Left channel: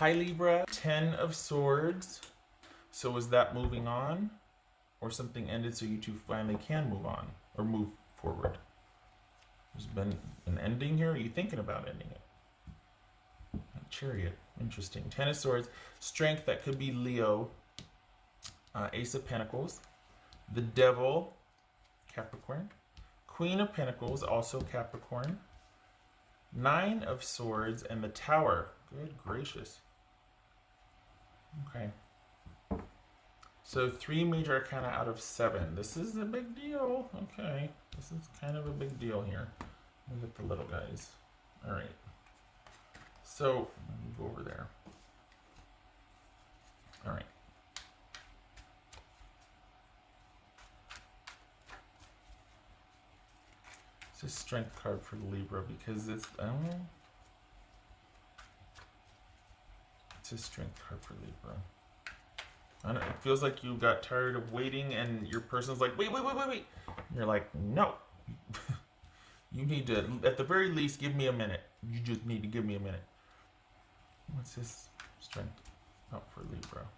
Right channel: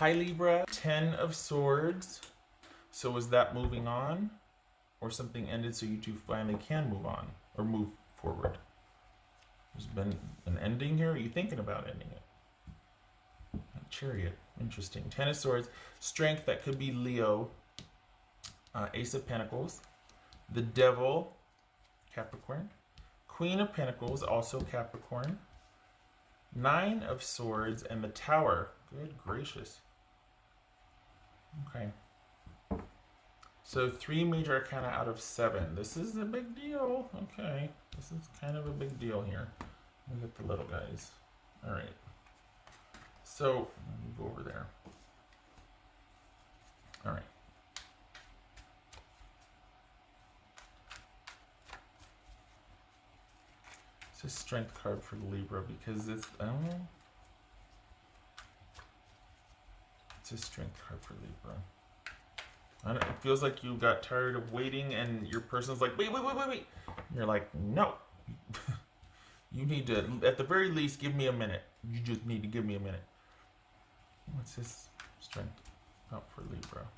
Hi Libra, 10 of Swords. So is that moving on? Or something ended so you two finally can move on or move forward? There's been an ending here? Are you thinking about ending it? Chariot, interesting. 10 of Swords, Strength, that could be Leo. Ace of Pentacles. The Devil, Capricorn. Queen of Pentacles, also Capricorn. 9 of Swords and the Tower. Good gracious. Okay. So 3 major arcana out of 7. This is a big deal. Okay. This is kind of a big deal here. Look at the little guys. Alright. So, go over there. Alright. It's a strength card for Libra because it's a strength card for Libra. I don't know, it feels like you got tired of waiting and your person's like, wait. And you're like, no. You need to, at the very least, give me a minute. You just need to give me a minute. What's his strength up for Libra?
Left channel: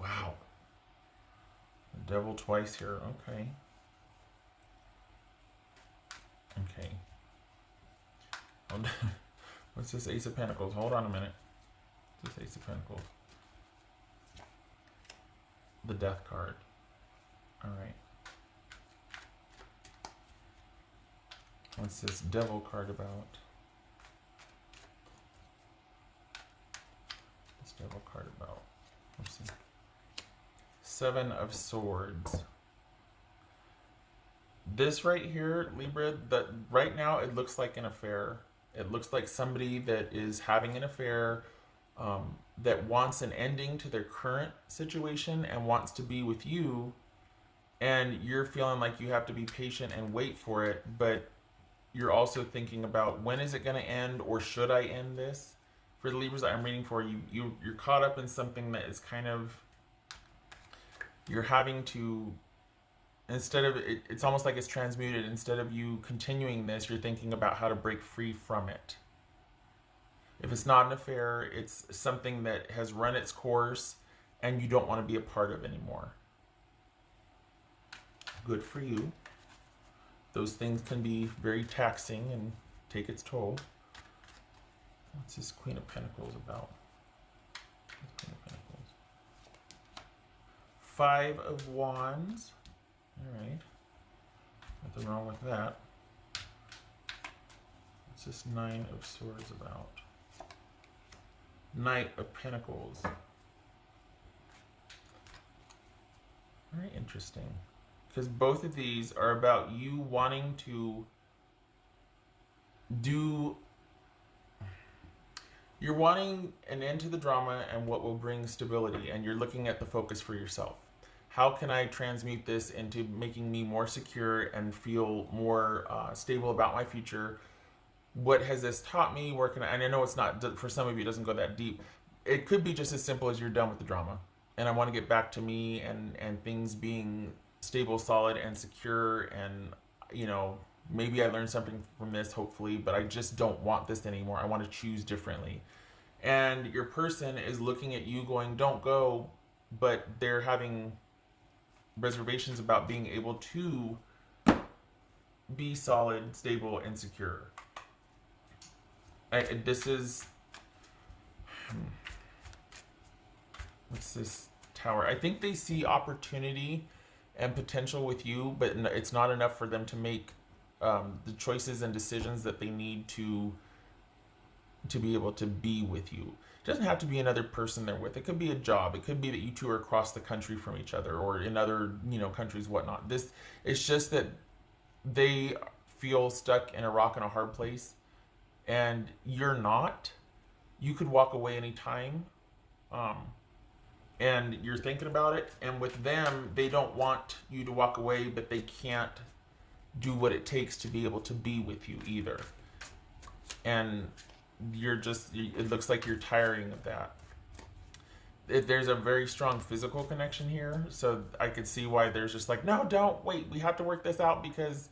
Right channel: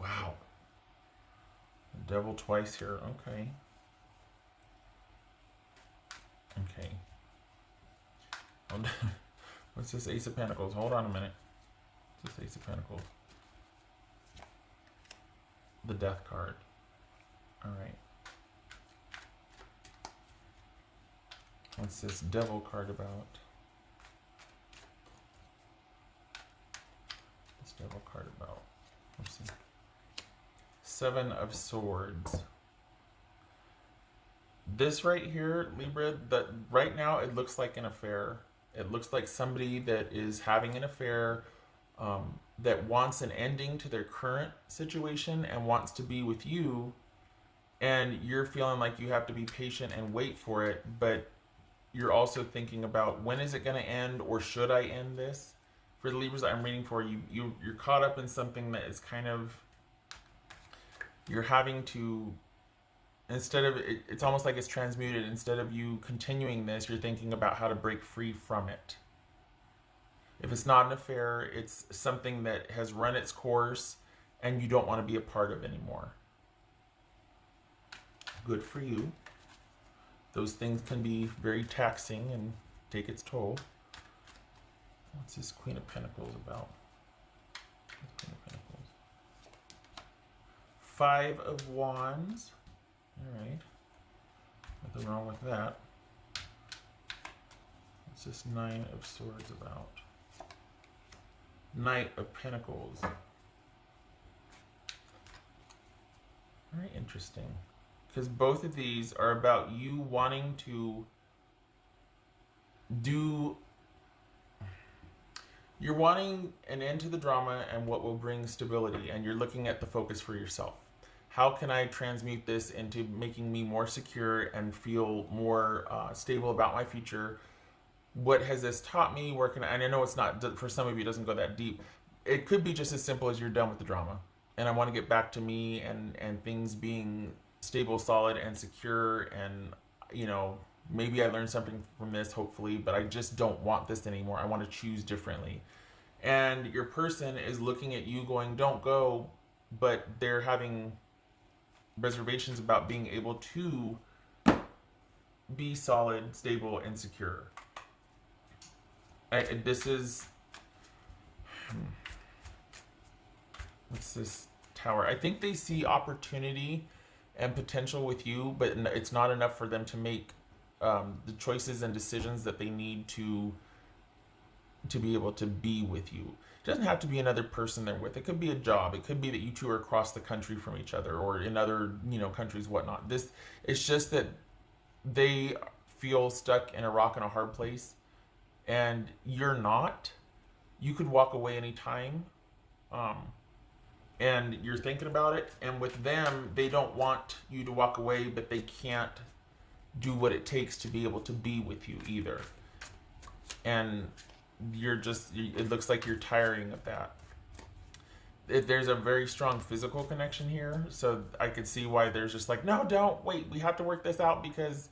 Wow. The Devil twice here. Okay. Okay. What's this Ace of Pentacles? Hold on a minute. What's this Ace of Pentacles? The Death card. Alright. What's this Devil card about? What's Devil card about? Let's see. 7 of Swords. This right here, Libra, that right now it looks like an affair. It looks like somebody that is having an affair, that wants an ending to their current situation and wants to be with you, and you're feeling like you have to be patient and wait for it, but you're also thinking about when is it going to end, or should I end this? For the Libras that I'm reading for, you're caught up in something that is kind of, you're having to, instead of, it's almost like it's transmuted. Instead of you continuing this, you're thinking about how to break free from it. If it's not an affair, it's something that has run its course and you don't want to be a part of anymore. Good for you. Those things can be very taxing and take its toll. What's this Queen of Pentacles about? 5 of Wands. Alright. Nothing wrong with that. What's this 9 of Swords about? Knight of Pentacles. Very interesting. Because both of these are about you wanting to do... You're wanting an end to the drama and what will bring stability, and you're looking at the focus for yourself. How can I transmute this into making me more secure and feel more stable about my future? What has this taught me? Where can I, and I know it's not, for some of you it doesn't go that deep. It could be just as simple as you're done with the drama. And I want to get back to me and things being stable, solid, and secure. And, you know, maybe I learned something from this, hopefully, but I just don't want this anymore. I want to choose differently. And your person is looking at you going, don't go, but they're having reservations about being able to be solid, stable, and secure. This is... What's this Tower? I think they see opportunity and potential with you, but it's not enough for them to make the choices and decisions that they need to be able to be with you. It doesn't have to be another person they're with. It could be a job. It could be that you two are across the country from each other, or in other, you know, countries, whatnot. It's just that they feel stuck in a rock and a hard place, and you're not. You could walk away anytime, and you're thinking about it. And with them, they don't want you to walk away, but they can't do what it takes to be able to be with you either. And you're just, it looks like you're tiring of that. There's a very strong physical connection here, so I could see why there's just like, no, don't, wait, we have to work this out because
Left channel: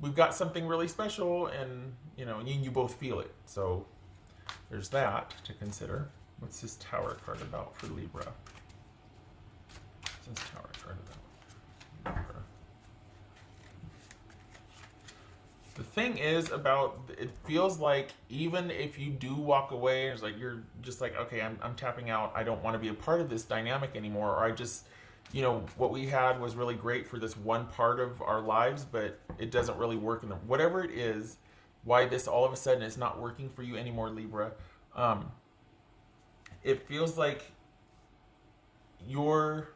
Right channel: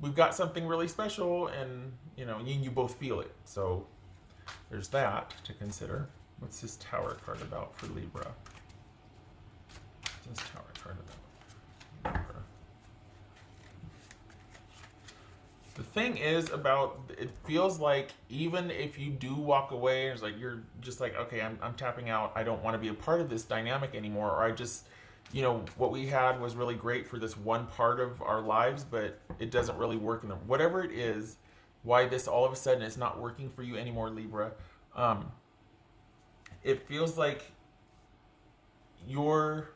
we've got something really special, and, you know, you both feel it. So there's that to consider. What's this Tower card about for Libra? What's this Tower card about Libra? The thing is about, it feels like even if you do walk away, it's like you're just like, okay, I'm tapping out. I don't want to be a part of this dynamic anymore. Or I just, you know, what we had was really great for this one part of our lives, but it doesn't really work in them. Whatever it is, why this all of a sudden is not working for you anymore, Libra. It feels like you're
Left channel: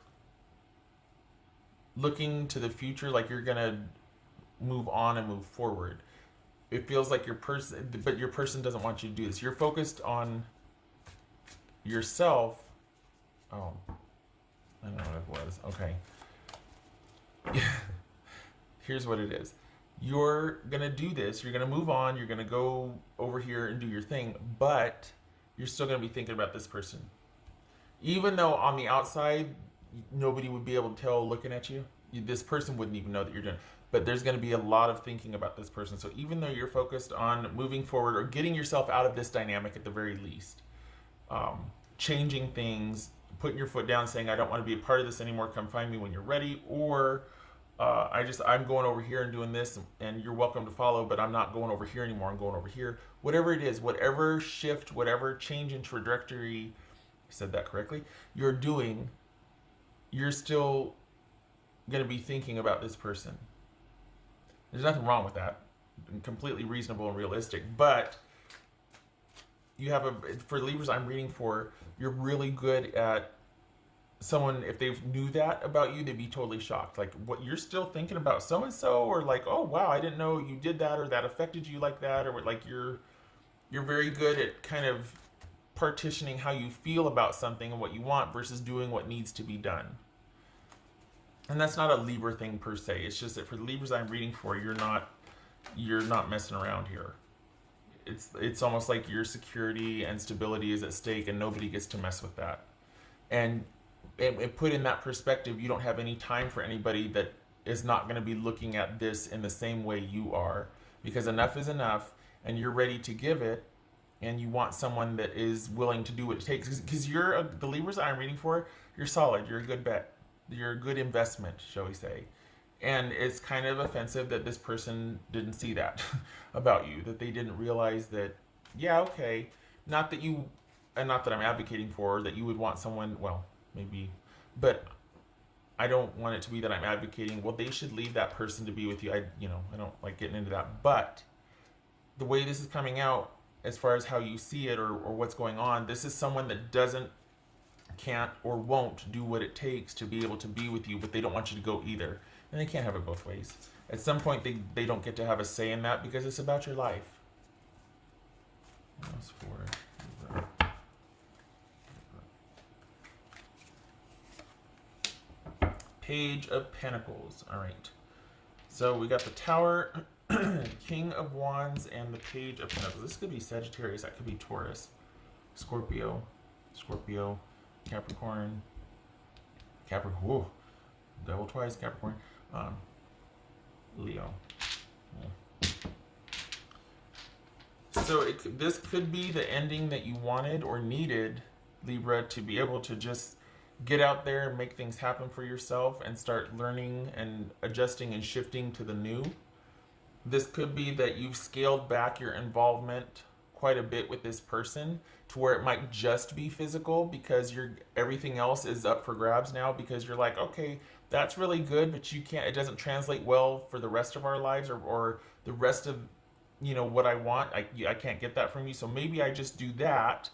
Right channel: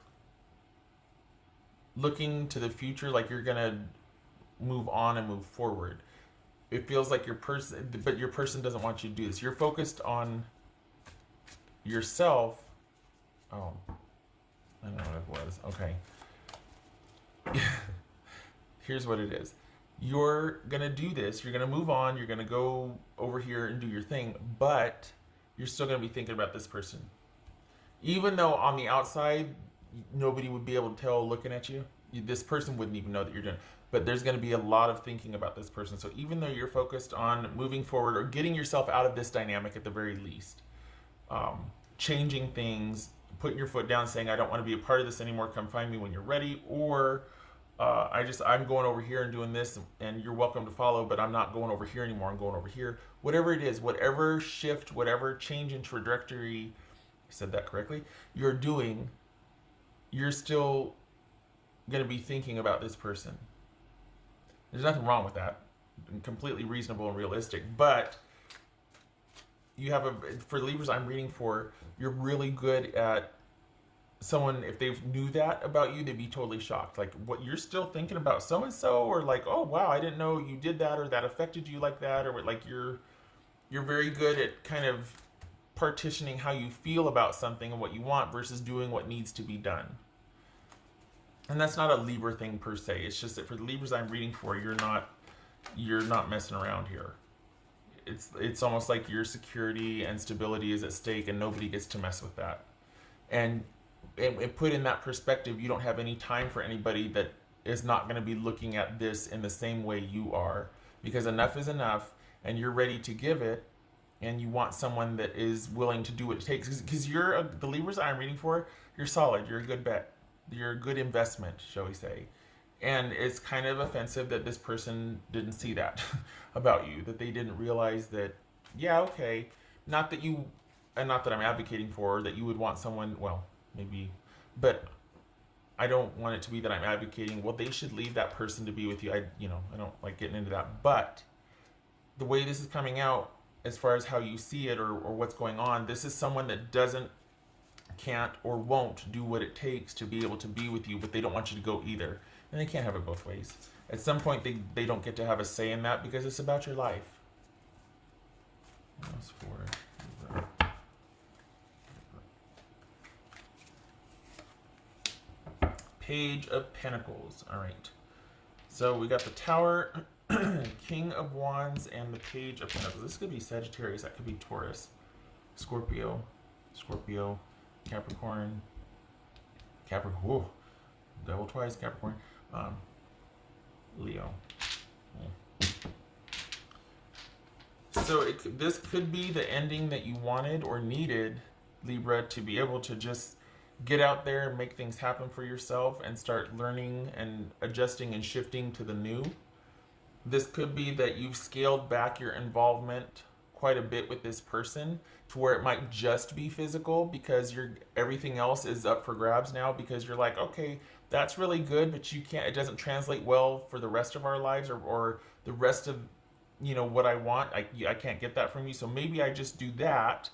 looking to the future, like you're gonna move on and move forward. It feels like your person, but your person doesn't want you to do this. You're focused on yourself. Oh, I know what it was. Okay. Here's what it is. You're gonna do this. You're gonna move on. You're gonna go over here and do your thing, but you're still gonna be thinking about this person. Even though on the outside, nobody would be able to tell looking at you. This person wouldn't even know that you're doing it. But there's going to be a lot of thinking about this person. So even though you're focused on moving forward or getting yourself out of this dynamic at the very least, changing things, putting your foot down, saying, I don't want to be a part of this anymore, come find me when you're ready, or I'm going over here and doing this, and you're welcome to follow, but I'm not going over here anymore, I'm going over here. Whatever it is, whatever shift, whatever change in trajectory, I said that correctly, you're doing, you're still going to be thinking about this person. There's nothing wrong with that. Completely reasonable and realistic. But you have for Libras I'm reading for, you're really good at someone, if they knew that about you, they'd be totally shocked. Like, what, you're still thinking about so-and-so? Or like, oh, wow, I didn't know you did that, or that affected you like that. Or like, you're very good at kind of partitioning how you feel about something and what you want versus doing what needs to be done. And that's not a Libra thing per se. It's just that for the Libras I'm reading for, you're not messing around here. It's almost like your security and stability is at stake, and nobody gets to mess with that. And put in that perspective, you don't have any time for anybody that is not going to be looking at this in the same way you are, because enough is enough, and you're ready to give it, and you want someone that is willing to do what it takes. Because the Libras I'm reading for, you're solid. You're a good bet. You're a good investment, shall we say. And it's kind of offensive that this person didn't see that about you, that they didn't realize that, yeah, okay, not that I'm advocating for, that you would want someone, well, maybe, but I don't want it to be that I'm advocating, well, they should leave that person to be with you. I don't like getting into that. But the way this is coming out, as far as how you see it or what's going on, this is someone that can't or won't do what it takes to be able to be with you, but they don't want you to go either. And they can't have it both ways. At some point, they don't get to have a say in that because it's about your life. Page of Pentacles. All right. So we got the Tower, King of Wands, and the Page of Pentacles. This could be Sagittarius. That could be Taurus, Scorpio, Capricorn, whoa, double twice, Capricorn, Leo. Yeah. So this could be the ending that you wanted or needed, Libra, to be able to just get out there and make things happen for yourself and start learning and adjusting and shifting to the new. This could be that you've scaled back your involvement quite a bit with this person to where it might just be physical, because everything else is up for grabs now, because you're like, okay, that's really good, but it doesn't translate well for the rest of our lives or the rest of, what I want. I can't get that from you. So maybe I just do that,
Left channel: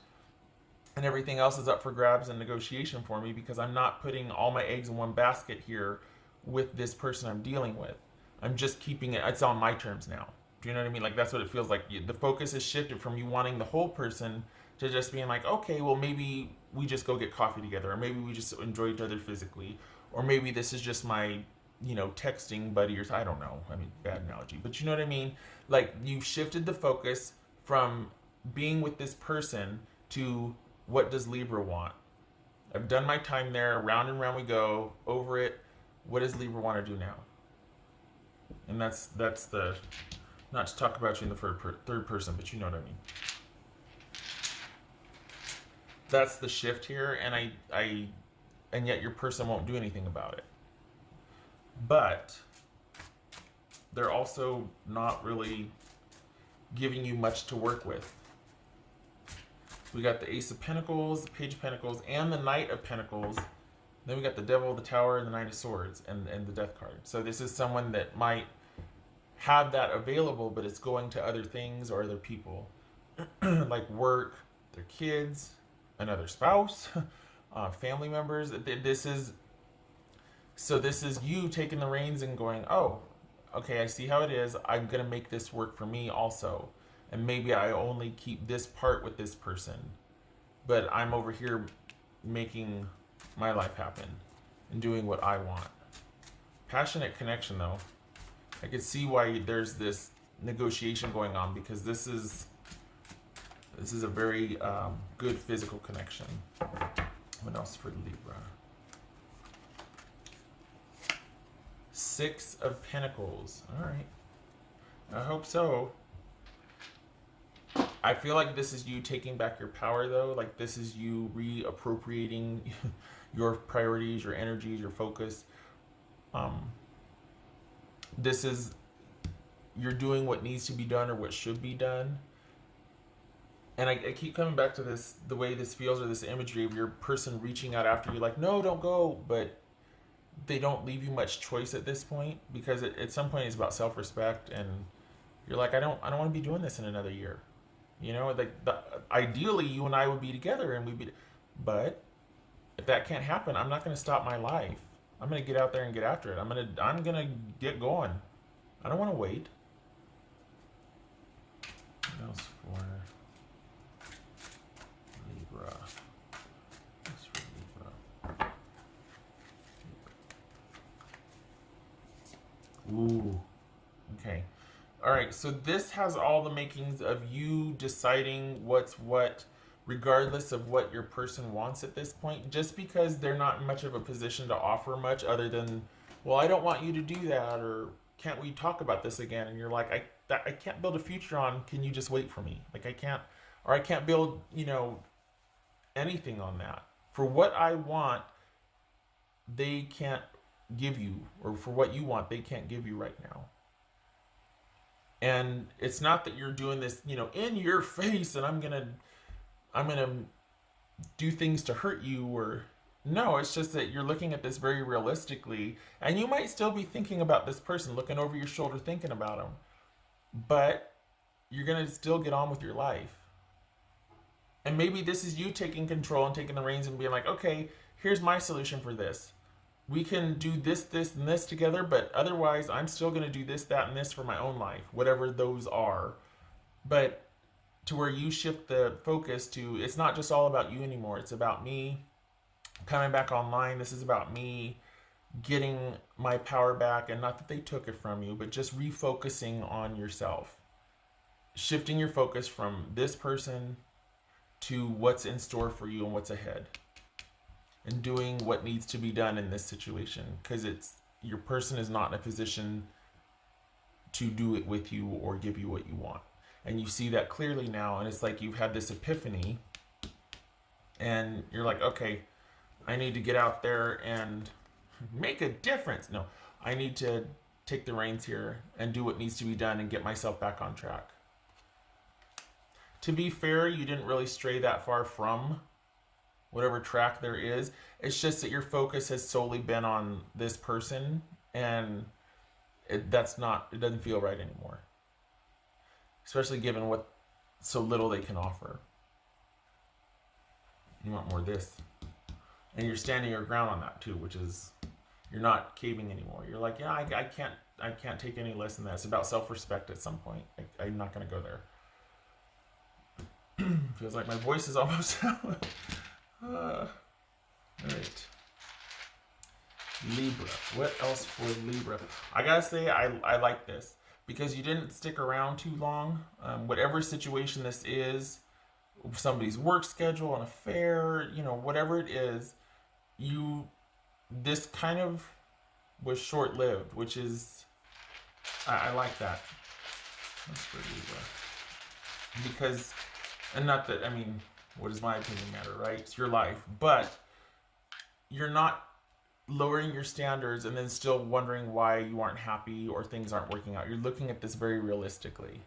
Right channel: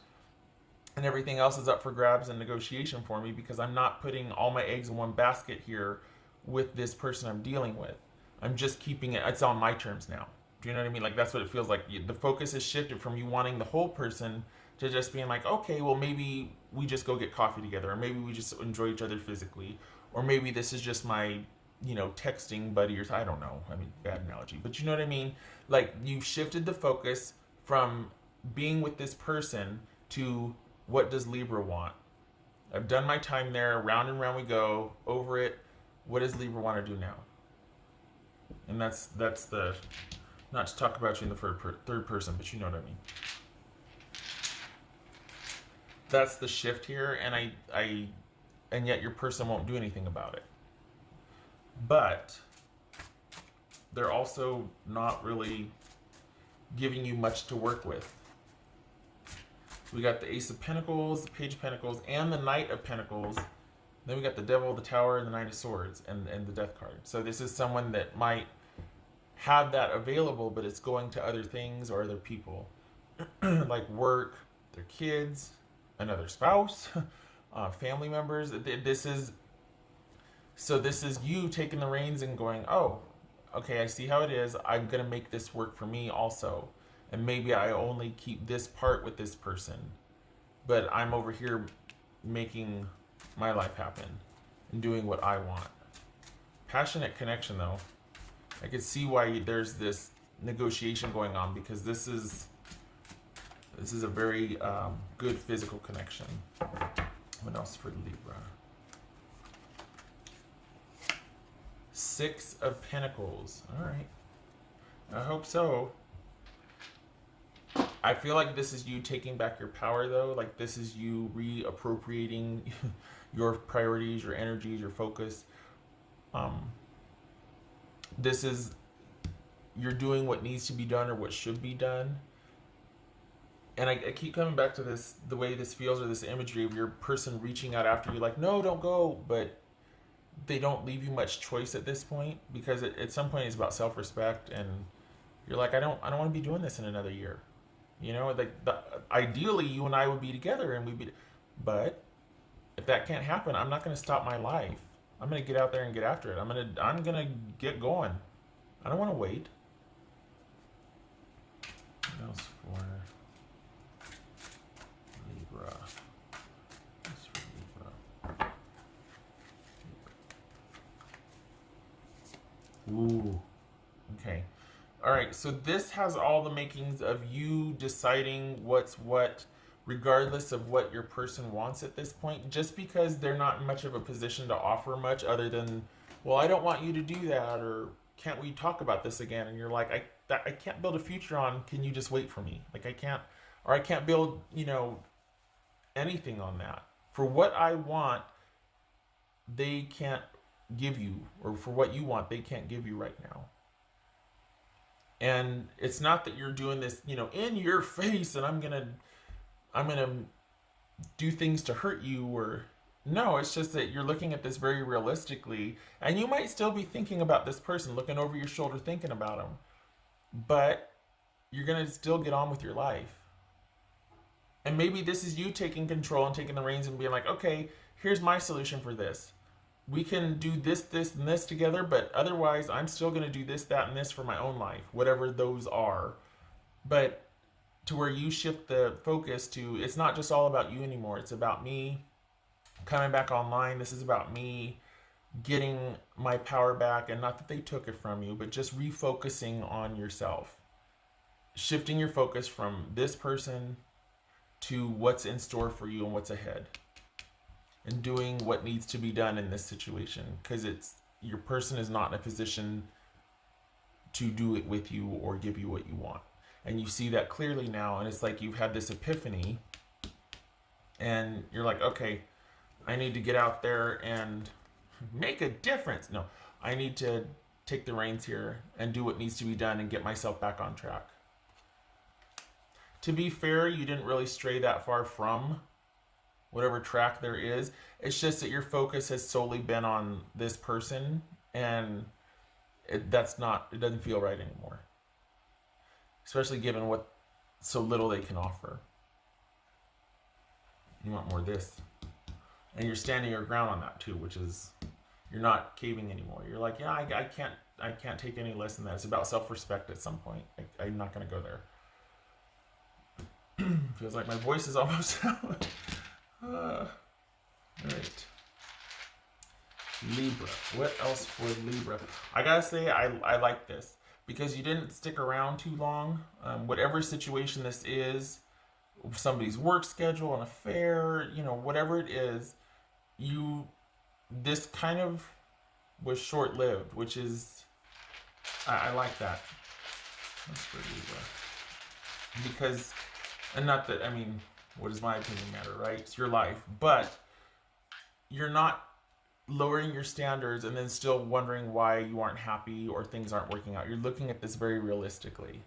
and everything else is up for grabs and negotiation for me, because I'm not putting all my eggs in one basket here with this person I'm dealing with. I'm just keeping it, it's on my terms now. Do you know what I mean? Like, that's what it feels like. The focus has shifted from you wanting the whole person to just being like, okay, well, maybe we just go get coffee together, or maybe we just enjoy each other physically, or maybe this is just my, texting buddy, or I don't know. I mean, bad analogy, but you know what I mean? Like, you've shifted the focus from being with this person to what does Libra want? I've done my time there, round and round we go, over it. What does Libra want to do now? And that's the, not to talk about you in the third person, but you know what I mean. That's the shift here, and yet your person won't do anything about it. But they're also not really giving you much to work with. We got the Ace of Pentacles, the Page of Pentacles, and the Knight of Pentacles. Then we got the Devil, the Tower, and the Knight of Swords, and the Death card. So this is someone that might have that available, but it's going to other things or other people. Like work, their kids, another spouse, family members. This is you taking the reins and going, oh, okay, I see how it is. I'm going to make this work for me also. And maybe I only keep this part with this person. But I'm over here making my life happen and doing what I want. Passionate connection, though. I can see why there's this negotiation going on, because this is a very good physical connection. What else for Libra? Six of Pentacles. All right. I hope so. I feel like this is you taking back your power, though. Like this is you reappropriating your priorities, your energies, your focus. This is you're doing what needs to be done or what should be done. And I keep coming back to this, the way this feels, or this imagery of your person reaching out after you, like, no, don't go, but they don't leave you much choice at this point, because at some point it's about self-respect, and you're like, I don't want to be doing this in another year. You know, like ideally you and I would be together and we'd be, but if that can't happen, I'm not going to stop my life. I'm going to get out there and get after it. I'm going to get going. I don't want to wait. What else for Libra? What's for Libra? Ooh. Okay. All right. So this has all the makings of you deciding what's what, regardless of what your person wants at this point, just because they're not much of a position to offer much other than, well, I don't want you to do that, or can't we talk about this again? And you're like, I can't build a future on, can you just wait for me? Like I can't build, anything on that. For what I want, they can't give you, or for what you want, they can't give you right now. And it's not that you're doing this, in your face, and I'm gonna do things to hurt you, or no, it's just that you're looking at this very realistically, and you might still be thinking about this person, looking over your shoulder, thinking about them, but you're going to still get on with your life. And maybe this is you taking control and taking the reins and being like, okay, here's my solution for this. We can do this, this, and this together, but otherwise I'm still going to do this, that, and this for my own life, whatever those are. But to where you shift the focus to, it's not just all about you anymore. It's about me coming back online. This is about me getting my power back, and not that they took it from you, but just refocusing on yourself. Shifting your focus from this person to what's in store for you and what's ahead. And doing what needs to be done in this situation, because your person is not in a position to do it with you or give you what you want. And you see that clearly now, and it's like you've had this epiphany, and you're like, okay, I need to get out there and make a difference. No, I need to take the reins here and do what needs to be done and get myself back on track. To be fair, you didn't really stray that far from whatever track there is. It's just that your focus has solely been on this person, and it doesn't feel right anymore. Especially given what so little they can offer. You want more of this. And you're standing your ground on that too, which is, you're not caving anymore. You're like, yeah, I can't take any less than that. It's about self-respect at some point. I'm not going to go there. Feels like my voice is almost right. Libra. What else for Libra? I gotta say, I like this, because you didn't stick around too long. Whatever situation this is, somebody's work schedule, an affair, whatever it is, this kind of was short-lived, which is, I like that. That's for Libra. Because, and not that, What does my opinion matter, right? It's your life. But you're not lowering your standards and then still wondering why you aren't happy or things aren't working out. You're looking at this very realistically.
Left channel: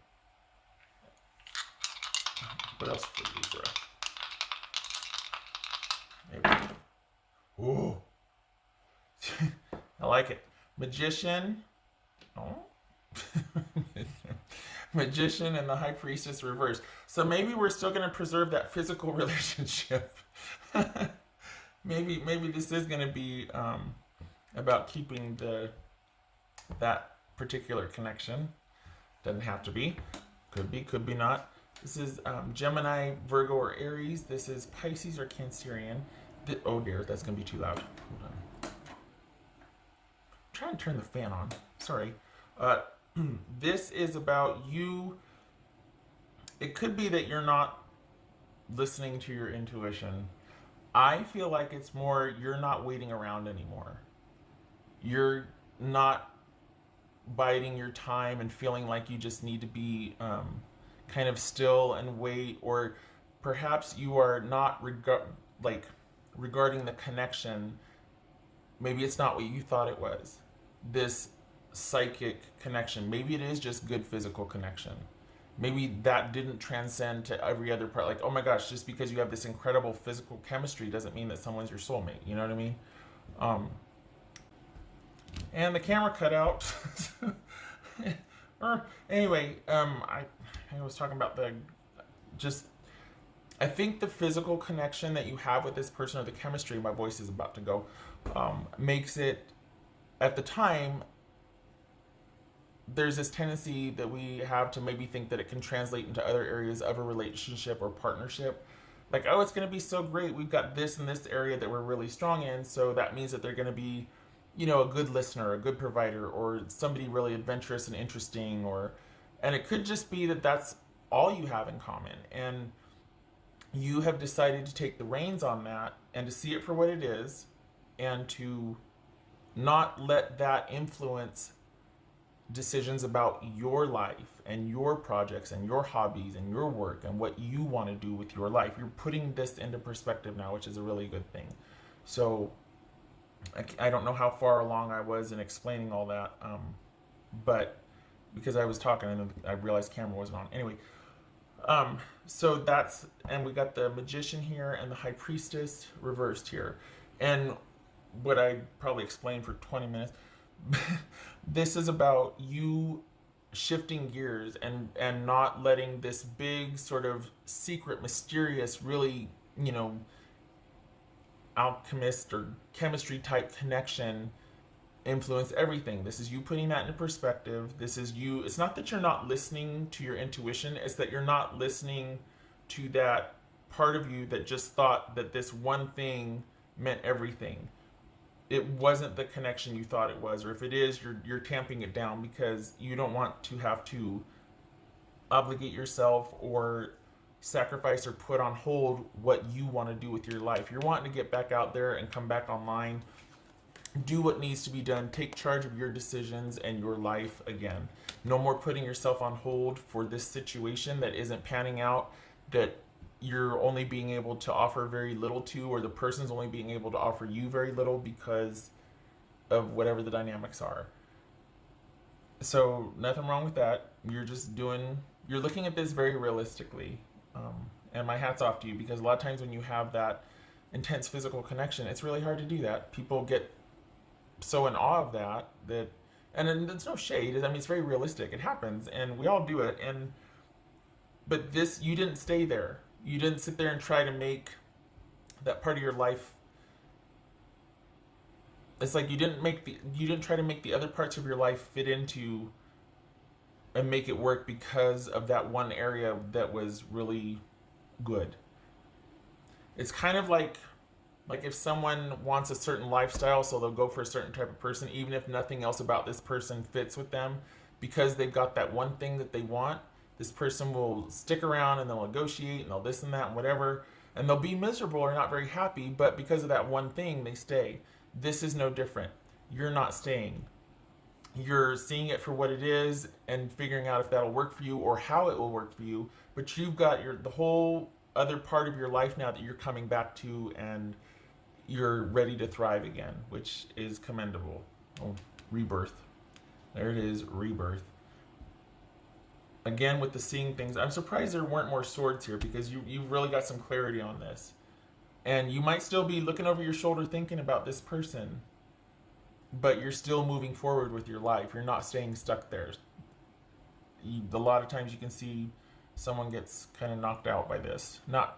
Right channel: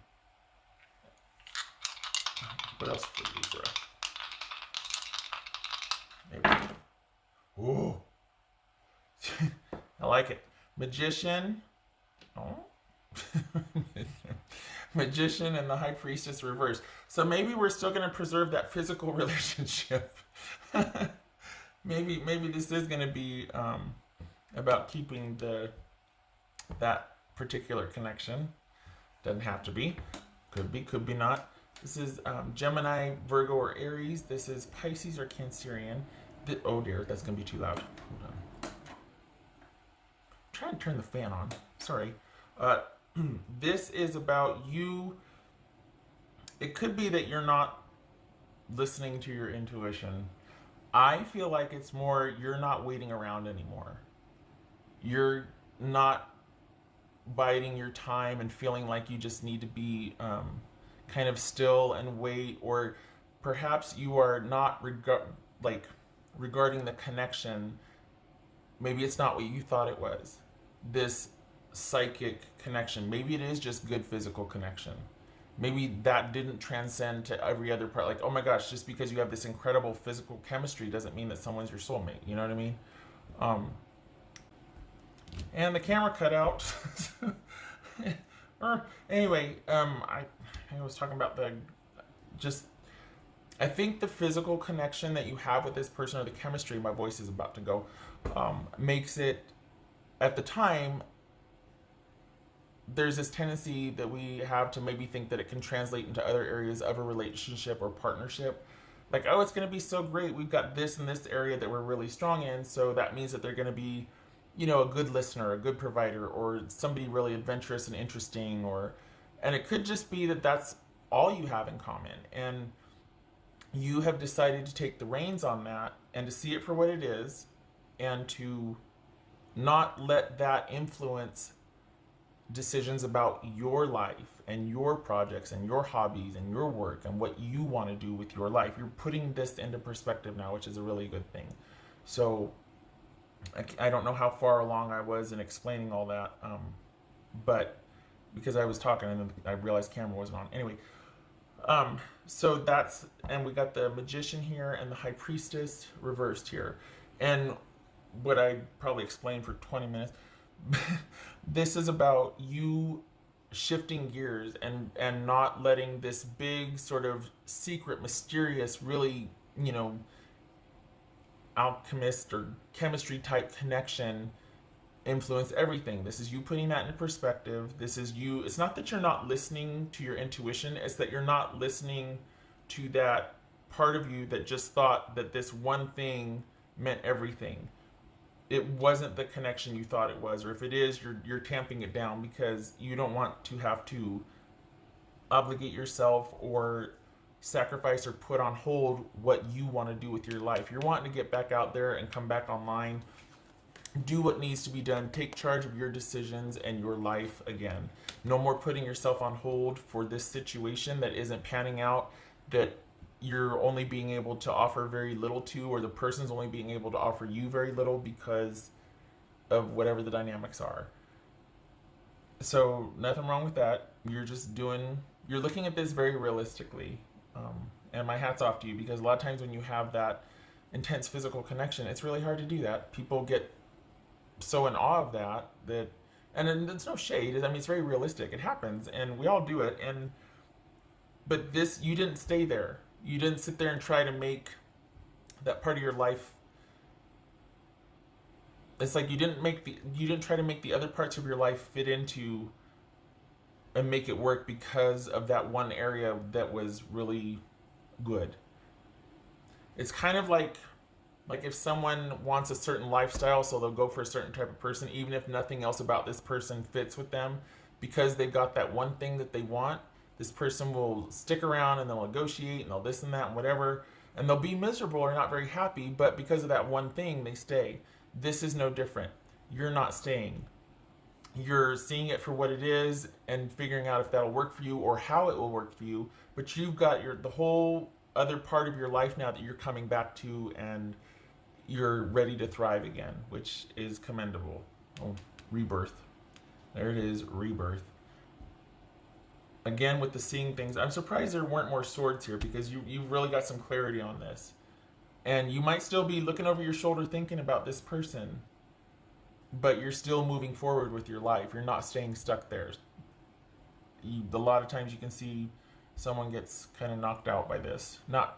What else for Libra? Maybe. Ooh. I like it. Magician. Oh. Magician and the High Priestess reversed. So maybe we're still going to preserve that physical relationship. maybe this is going to be about keeping that particular connection. Doesn't have to be. Could be not. This is Gemini, Virgo, or Aries. This is Pisces or Cancerian. Oh dear, that's going to be too loud. Try and turn the fan on. Sorry. This is about you. It could be that you're not listening to your intuition. I feel like it's more you're not waiting around anymore. You're not biding your time and feeling like you just need to be kind of still and wait, or perhaps you are not regarding the connection. Maybe it's not what you thought it was. This psychic connection. Maybe it is just good physical connection. Maybe that didn't transcend to every other part. Like, oh my gosh, just because you have this incredible physical chemistry doesn't mean that someone's your soulmate. You know what I mean? And the camera cut out. Anyway, I was talking about I think the physical connection that you have with this person, or the chemistry, my voice is about to go, makes it, at the time, there's this tendency that we have to maybe think that it can translate into other areas of a relationship or partnership. Like, oh, it's going to be so great. We've got this and this area that we're really strong in. So that means that they're going to be, a good listener, a good provider, or somebody really adventurous and interesting. And it could just be that that's all you have in common. And you have decided to take the reins on that and to see it for what it is, and to not let that influence decisions about your life and your projects and your hobbies and your work and what you want to do with your life. You're putting this into perspective now, which is a really good thing. So I don't know how far along I was in explaining all that, but because I was talking and then I realized camera wasn't on. Anyway, so that's, and we got the Magician here and the High Priestess reversed here. And what I probably explained for 20 minutes, this is about you shifting gears and not letting this big sort of secret, mysterious, really, alchemist or chemistry type connection influence everything. This is you putting that into perspective. This is you. It's not that you're not listening to your intuition. It's that you're not listening to that part of you that just thought that this one thing meant everything. It wasn't the connection you thought it was, or if it is, you're tamping it down because you don't want to have to obligate yourself or sacrifice or put on hold what you want to do with your life. You're wanting to get back out there and come back online, do what needs to be done, take charge of your decisions and your life again. No more putting yourself on hold for this situation that isn't panning out, that you're only being able to offer very little to, or the person's only being able to offer you very little because of whatever the dynamics are. So nothing wrong with that. You're looking at this very realistically. And my hat's off to you, because a lot of times when you have that intense physical connection, it's really hard to do that. People get so in awe of that, and it's no shade. I mean, it's very realistic. It happens, and we all do it. But this, you didn't stay there. You didn't sit there and try to make that part of your life. It's like you didn't try to make the other parts of your life fit into and make it work because of that one area that was really good. It's kind of like if someone wants a certain lifestyle, so they'll go for a certain type of person, even if nothing else about this person fits with them, because they've got that one thing that they want. This person will stick around and they'll negotiate and they'll this and that and whatever, and they'll be miserable or not very happy, but because of that one thing, they stay. This is no different. You're not staying. You're seeing it for what it is and figuring out if that'll work for you or how it will work for you, but you've got the whole other part of your life now that you're coming back to, and you're ready to thrive again, which is commendable. Oh, rebirth. There it is, rebirth. Again, with the seeing things, I'm surprised there weren't more swords here, because you've really got some clarity on this. And you might still be looking over your shoulder thinking about this person, but you're still moving forward with your life. You're not staying stuck there. A lot of times you can see someone gets kind of knocked out by this. Not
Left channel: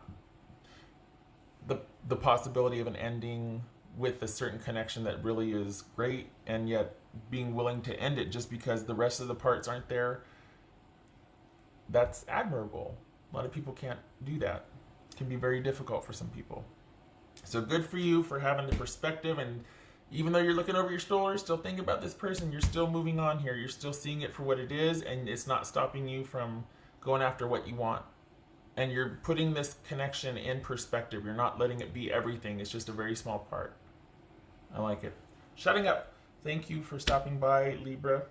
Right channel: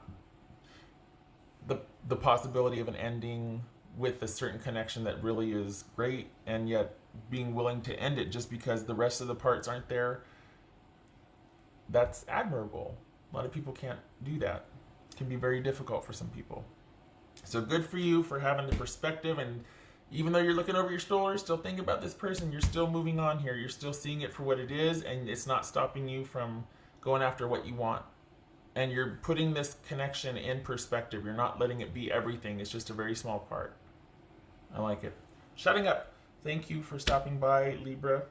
the possibility of an ending with a certain connection that really is great, and yet being willing to end it just because the rest of the parts aren't there. That's admirable. A lot of people can't do that. It can be very difficult for some people. So good for you for having the perspective, and even though you're looking over your shoulder, still thinking about this person, you're still moving on here. You're still seeing it for what it is, and it's not stopping you from going after what you want. And you're putting this connection in perspective. You're not letting it be everything. It's just a very small part. I like it. Shutting up. Thank you for stopping by, Libra.